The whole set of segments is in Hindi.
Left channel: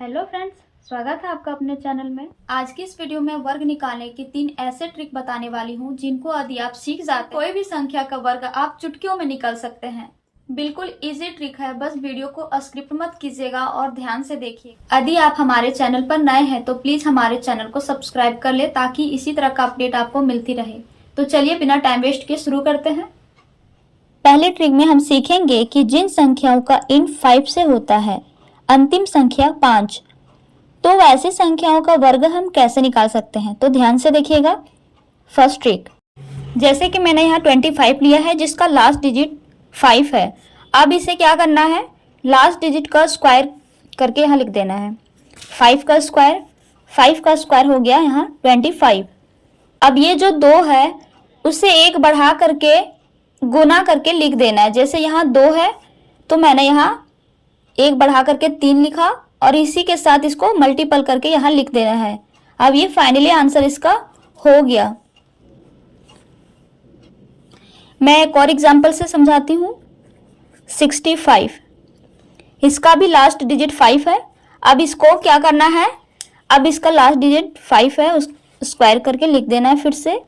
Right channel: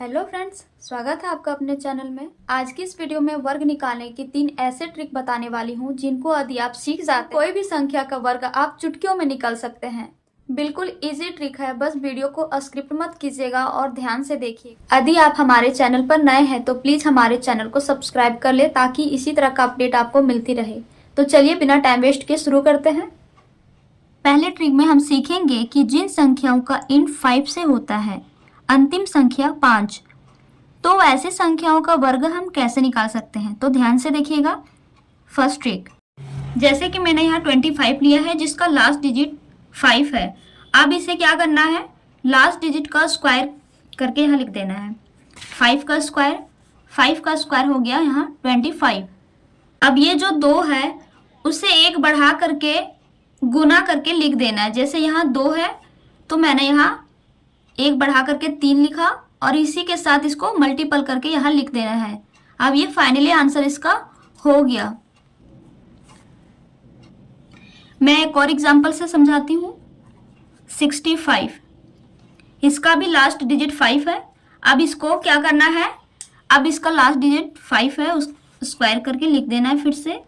हेलो फ्रेंड्स, स्वागत है आपका अपने चैनल में। आज की इस वीडियो में वर्ग निकालने की 3 ऐसे ट्रिक बताने वाली हूँ जिनको यदि आप सीख जाते कोई भी संख्या का वर्ग आप चुटकियों में निकाल सकते हैं। बिल्कुल इजी ट्रिक है, बस वीडियो को स्किप मत कीजिएगा और ध्यान से देखिए। यदि आप हमारे चैनल पर नए हैं तो प्लीज हमारे चैनल को सब्सक्राइब कर ले ताकि इसी तरह का अपडेट आपको मिलती रहे। तो चलिए बिना टाइम वेस्ट किए शुरू करते हैं। पहले ट्रिक में हम सीखेंगे कि जिन संख्याओं का इंट 5 से होता है, अंतिम संख्या 5, तो वैसी संख्याओं का वर्ग हम कैसे निकाल सकते हैं। तो ध्यान से देखिएगा। फर्स्ट ट्रिक, जैसे कि मैंने यहाँ 25 लिया है जिसका लास्ट डिजिट 5 है। अब इसे क्या करना है, लास्ट डिजिट का स्क्वायर करके यहाँ लिख देना है। 5 का स्क्वायर हो गया यहाँ 25। अब ये जो 2 है उसे 1 बढ़ा करके गुना करके लिख देना है। जैसे यहाँ 2 है तो मैंने यहाँ 1 बढ़ा करके 3 लिखा और इसी के साथ इसको मल्टीपल करके यहाँ लिख देना है। अब ये फाइनली आंसर इसका हो गया। मैं एक और एग्जांपल से समझाती हूँ। 65, इसका भी लास्ट डिजिट 5 है। अब इसको क्या करना है, अब इसका लास्ट डिजिट 5 है, उस स्क्वायर करके लिख देना है फिर से।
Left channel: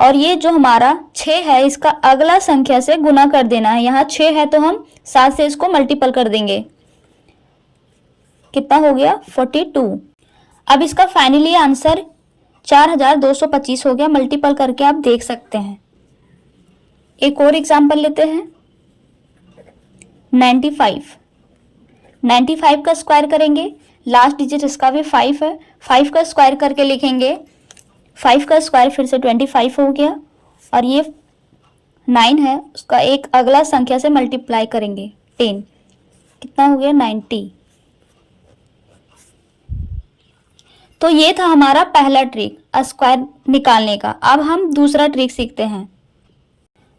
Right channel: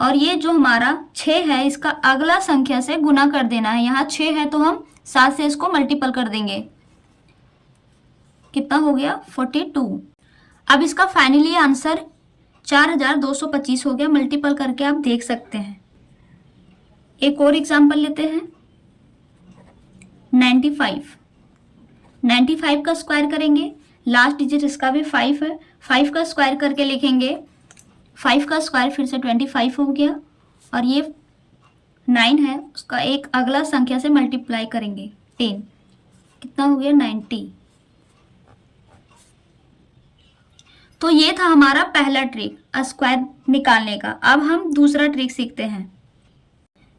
और ये जो हमारा 6 है इसका अगला संख्या से गुना कर देना है। यहाँ 6 है तो हम 7 से इसको मल्टीपल कर देंगे। कितना हो गया, 42। अब इसका फाइनली आंसर 4225 हो गया। मल्टीपल करके आप देख सकते हैं। एक और एग्जांपल लेते हैं। 95 का स्क्वायर करेंगे, लास्ट डिजिट इसका भी 5 है। 5 का स्क्वायर करके लिखेंगे। 5 का स्क्वायर फिर से 25 हो गया और ये 9 है, उसका एक अगला संख्या से मल्टीप्लाई करेंगे 10। कितना हो गया, 90। तो ये था हमारा पहला ट्रिक स्क्वायर निकालने का। अब हम दूसरा ट्रिक सीखते हैं।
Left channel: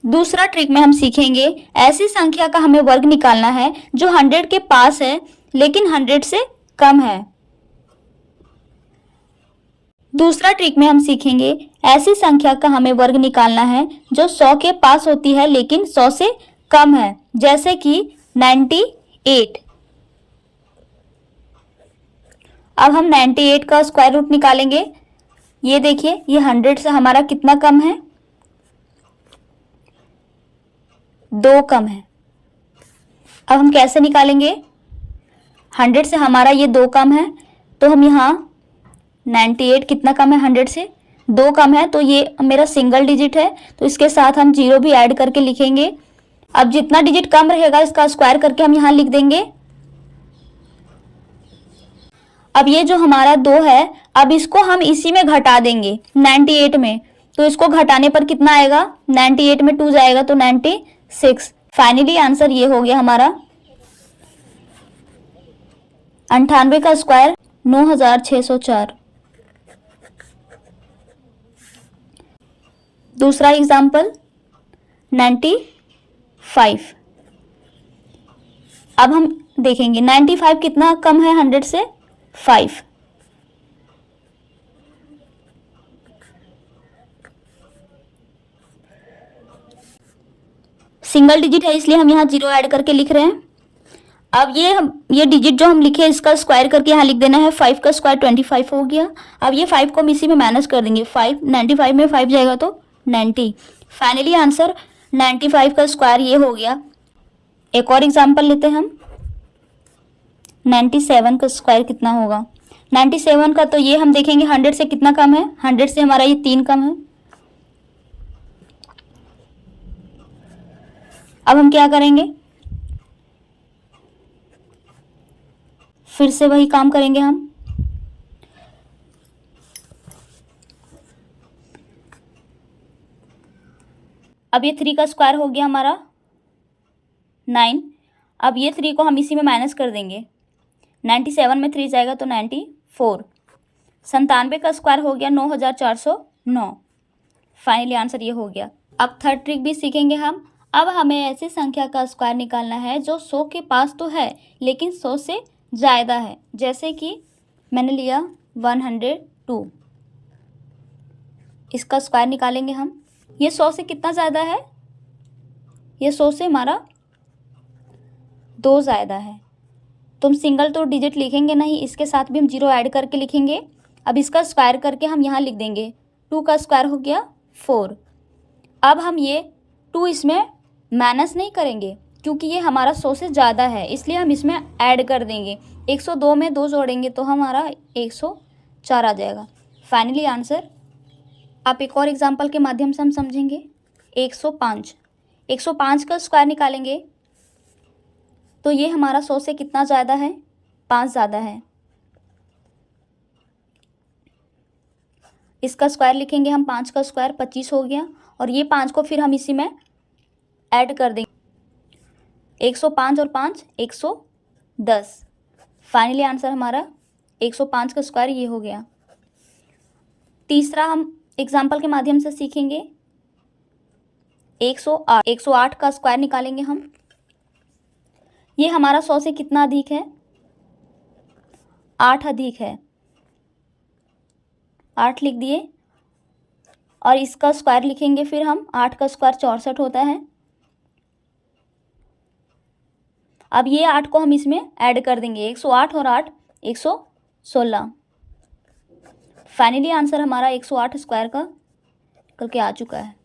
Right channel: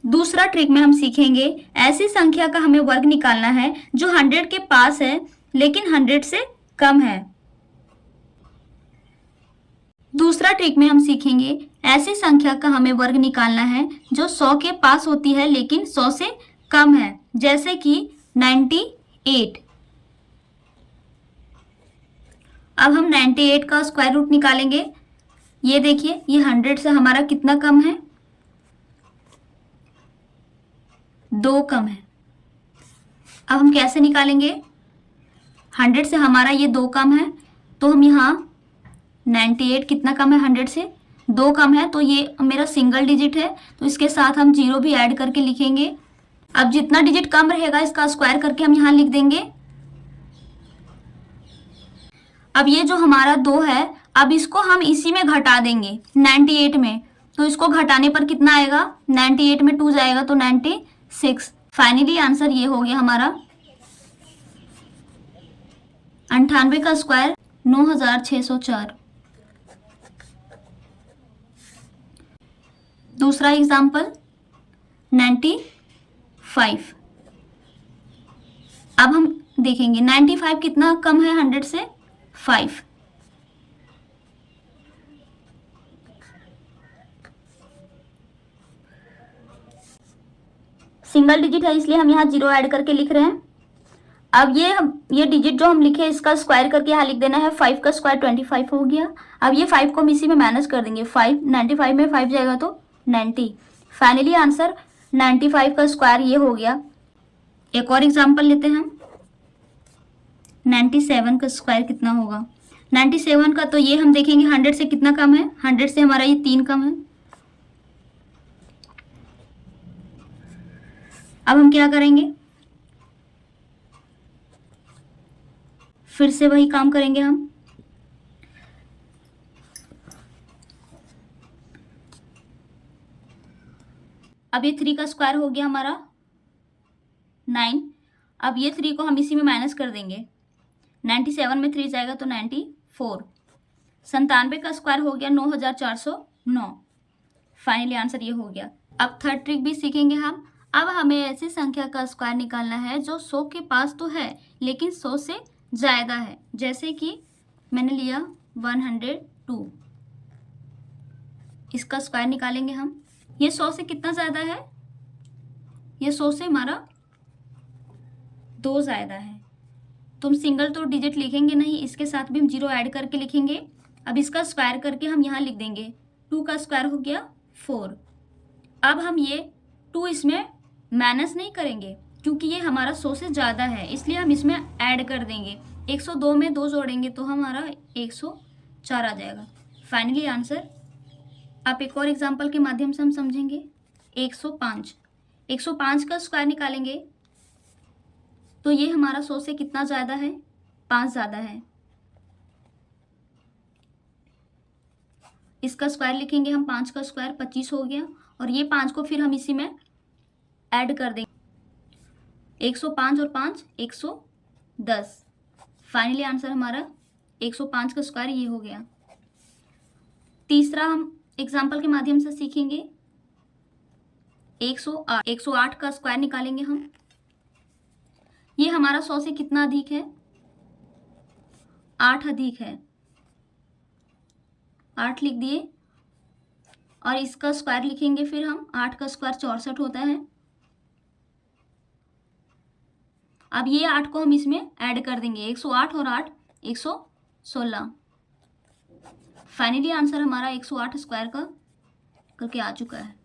दूसरा ट्रिक में हम सीखेंगे ऐसी संख्या का हमें वर्ग निकालना है जो 100 के पास है लेकिन 100 से कम है। दूसरा ट्रिक में हम सीखेंगे ऐसी संख्या का हमें वर्ग निकालना है जो 100 के पास होती है लेकिन 100 से कम है, जैसे कि 98। अब हम 98 का स्क्वायर रूट निकालेंगे। ये देखिए, ये 100 से हमारा कितना कम है, 2 कम है। अब हम कैसे निकालेंगे, 100 से हमारा ये 2 कम है तो हम यहाँ 98 कितना कम है, 100 से 2 कम है तो ये मेरा सिंगल डिजिट है तो इसके साथ हम 0 भी ऐड करके लिखेंगे। अब जितना डिजिट कम रहेगा इसका स्क्वायर करके हम यहाँ लिख देंगे। अब ये जो हमारा 2 है, अब इसको हम इसी में घटा देंगे 98 में, तो इसको घटाने पर कितना आएगा, 98 में 2 जाएगा तो 96। फाइनली आंसर ये हो गया हमारा 98 का स्क्वायर 9604। दूसरा एग्जाम्पल 95। अब हम देखेंगे 95 कितना कम है 100 से, 5। सिंगल डिजिट है इसलिए हम यहाँ 0 ऐड करके लिख रहे हैं। अब ये डिजिट जो हम लिखे इसका स्क्वायर करके यहाँ लिख देना है। 5 का स्क्वायर 25 हो गया। अब ये 5 को हम इसी में माइनस कर देंगे। 95 में 5 जाएगा तो 90। फाइनली आंसर 95 का स्क्वायर ये हो गया। एक और एग्जांपल लेते हैं हम। 97 का स्क्वायर कितना होगा, 97 का तो ये हम देखेंगे 100 से कितना कम है, 100 से हमारा ये 3 कम है। अब हम क्या करेंगे, फिर से वही काम करेंगे हम। अब ये 3 का स्क्वायर हो गया हमारा 9। अब ये 3 को हम इसी में माइनस कर देंगे। 97 में 3 जाएगा तो 94। 97 का स्क्वायर हो गया 9409। फाइनली आंसर ये हो गया। अब थर्ड ट्रिक भी सीखेंगे हम। अब हमें ऐसी संख्या का स्क्वायर निकालना है जो 100 के पास तो है लेकिन 100 से ज़्यादा है, जैसे कि मैंने लिया 102। इसका स्क्वायर निकालेंगे हम। ये 100 से कितना ज़्यादा है, ये 100 से हमारा 2 ज़्यादा है तो हम सिंगल तो डिजिट लिखेंगे नहीं, इसके साथ भी हम 0 ऐड करके लिखेंगे। अब इसका स्क्वायर करके हम यहाँ लिख देंगे, 2 का स्क्वायर हो गया 4। अब हम ये 2 इसमें माइनस नहीं करेंगे क्योंकि ये हमारा 100 से ज़्यादा है, इसलिए हम इसमें ऐड कर देंगे। 102 में 2 जोड़ेंगे तो हमारा 104 आ जाएगा। फाइनली आंसर आप एक और एग्जांपल के माध्यम से हम समझेंगे। 105 का स्क्वायर निकालेंगे तो ये हमारा 100 से कितना ज़्यादा है, 5 ज़्यादा है। इसका स्क्वायर लिखेंगे हम, 5 का स्क्वायर 25 हो गया, और ये 5 को फिर हम इसी में ऐड कर देंगे। 105 और 5 110। फाइनली आंसर हमारा 105 का स्क्वायर ये हो गया। तीसरा हम एग्जाम्पल के माध्यम से सीखेंगे। 108 का स्क्वायर निकालेंगे हम। ये हमारा 100 से कितना अधिक है, 8 अधिक है, 8 लिख दिए, और इसका स्क्वायर लिखेंगे फिर हम। 8 का स्क्वायर 64 होता है। अब ये 8 को हम इसमें ऐड कर देंगे, 108 और 8 116। फाइनली आंसर हमारा 108 स्क्वायर का करके आ चुका है।